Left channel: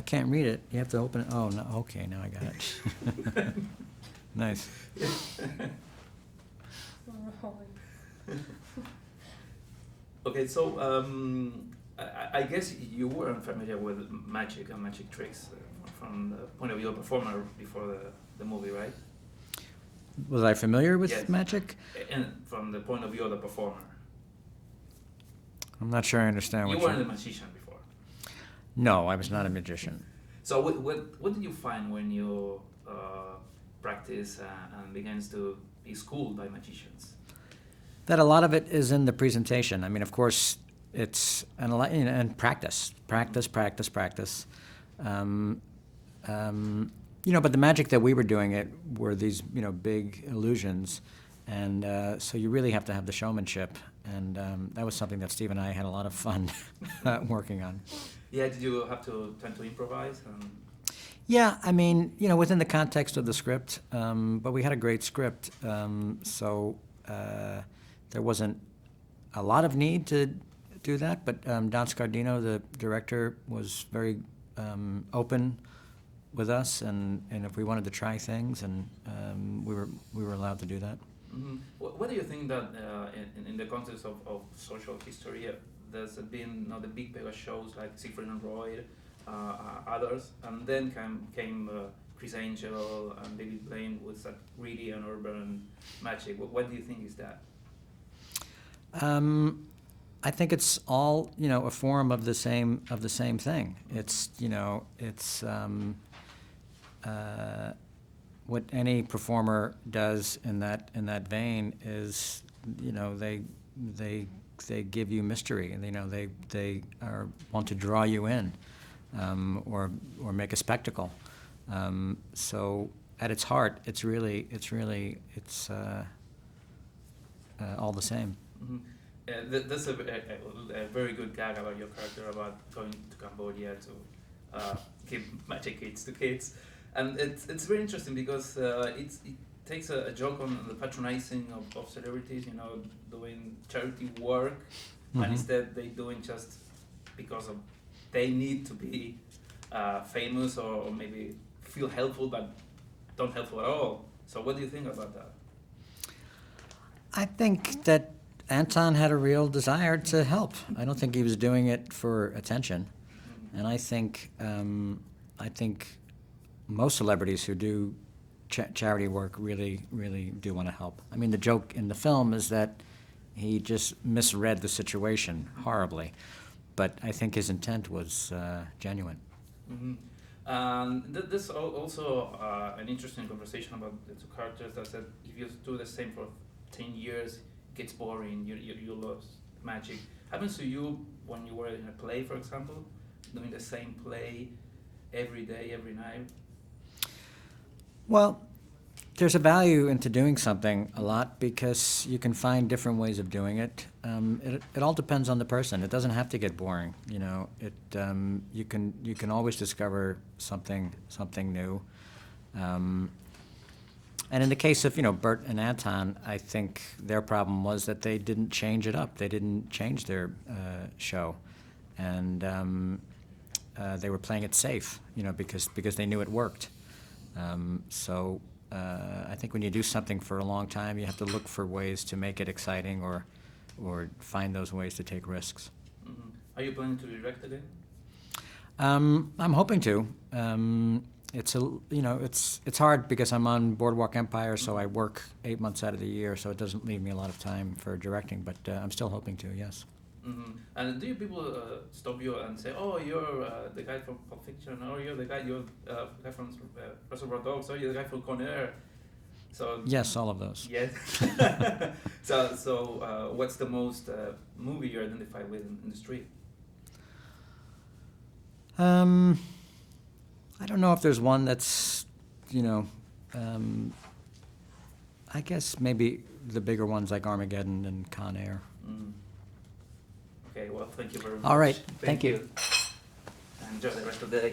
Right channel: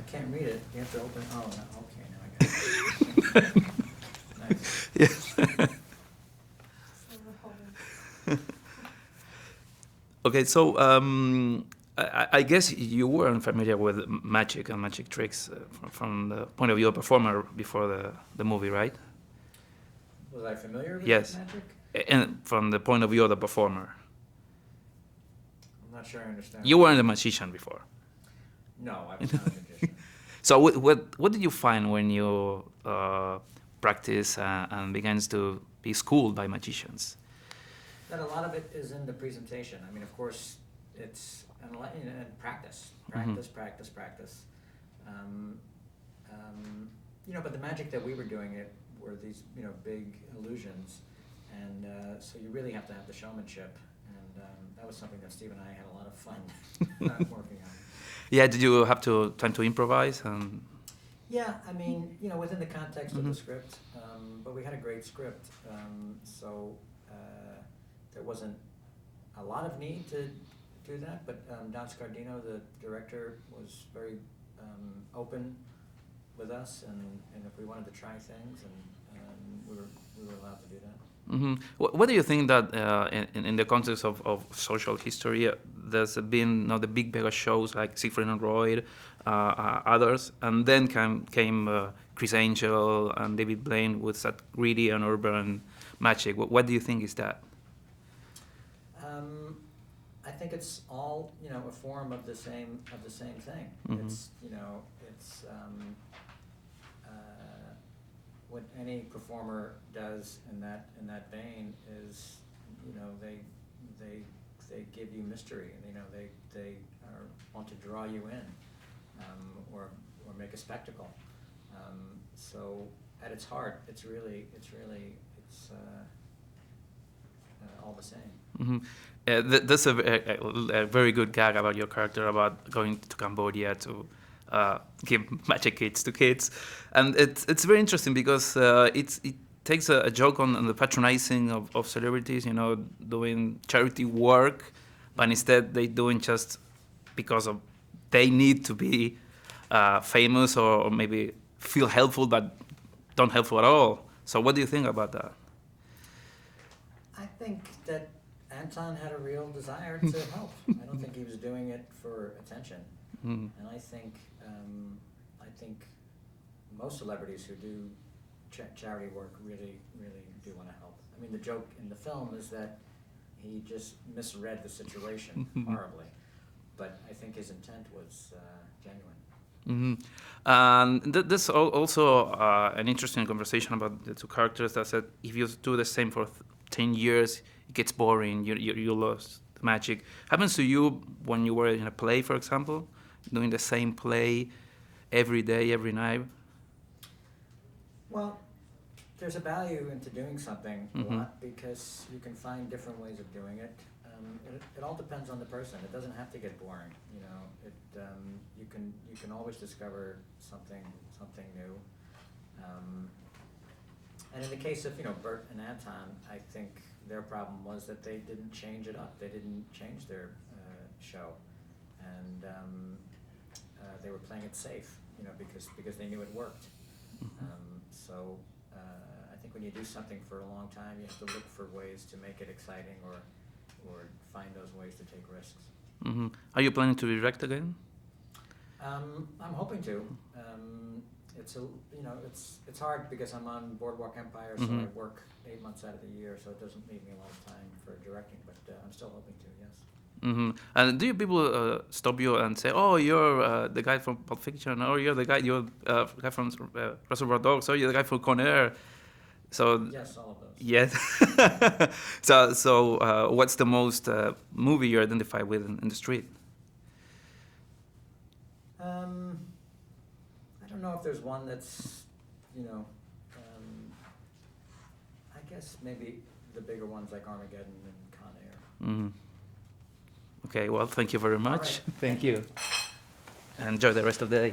I can't read it. You have to open it. Oh, no. Okay, now I got it. Nice. Yeah. Okay, so I guess you weren't familiar with magic and magic tricks from the point of view of a performer before the movie, right? Was I familiar with Yes. magic? And from the point of view of the performer. I'm not sure I understand. You what weren't a magician before. No, I was not a magician. So what did you find when you practice and begins to be schooled by magicians? That a lot of it is in the presentation. I mean, of course, it's and practice. But the magic that we were doing were these, big illusions, and so you really have to have the showmanship, and that was something that Steve and I had a lot of fun working on. Yeah, did you have time to improvise? Yeah, I mean, within the context of the script, but we had a great script, so there wasn't a lot of need to do that, but Don Scardino, the director, was very open with us, and if we wanted to try things, and we were allowed to do that. Mm-hmm. What do you think that in the context of social history, there's been the big mega shows like Siegfried and Roy, others, and then came Chris Angel and David Blaine with that gritty and urban magic. What do you think is that? I think it's all a form of the same thing. Mm-hmm. It's what any performer does in that vein is they give you mystery, and they want to draw you in, or make a spectacle. So at its heart, it's all the same. Mm-hmm. That's a very good gag about your character about going to Cambodia to give magic kits to kids, and it's very interesting because it takes a joke on the patronizing of celebrities, doing charity work, but Mm-hmm. instead they doing just because of they need to be famous or maybe feel helpful but don't helpful at all. So what do you think about that? I think that Anton had a real desire to help. I don't think he was doing it for attention. Mm-hmm. And I think most celebrities who do charity work really do want to help. I mean, the joke in the film is that he just misread the situation horribly, but I think his intent was genuine. Mm-hmm. And there's also an interesting conversation about the two characters that said if you do the same for 10 years, it gets boring, you lost magic. Happens to you when you were in a play, for example, doing the same play every day, every night? Well, there's a value into doing something a Mm-hmm. lot because you can find different ways of doing it. It all depends on the person. It doesn't have to get boring. You can always discover something new. And in the case of Burt and Anton, I think their problem was that they didn't change it up. They didn't change their show, and they were playing it safe, because they knew it worked. So I think when you do something for a long time, you have to look for ways to make it exciting, or find those ways to take risks. Mm-hmm. Are you planning to direct again? I'm hoping to. It's hard because I'm on Boardwalk Empire, so Mm-hmm. I work 8 months out of the year, so it doesn't leave me a lot of time for directing. But I'm still hoping to. Yes. Mm-hmm. And do people stop you and say, "Oh, you're the guy from Pulp Fiction," or "You're the guy from Reservoir Dogs," or "You're the guy from Con Air"? So Yes, all of those. yes. So what's the most movie you identify with in the street? I don't know if there's one that's, I guess maybe the bigger ones like Armageddon and Con Air. Mm-hmm. Okay, well, thank you very much. All right. Thank you. Enjoy the rest of the day.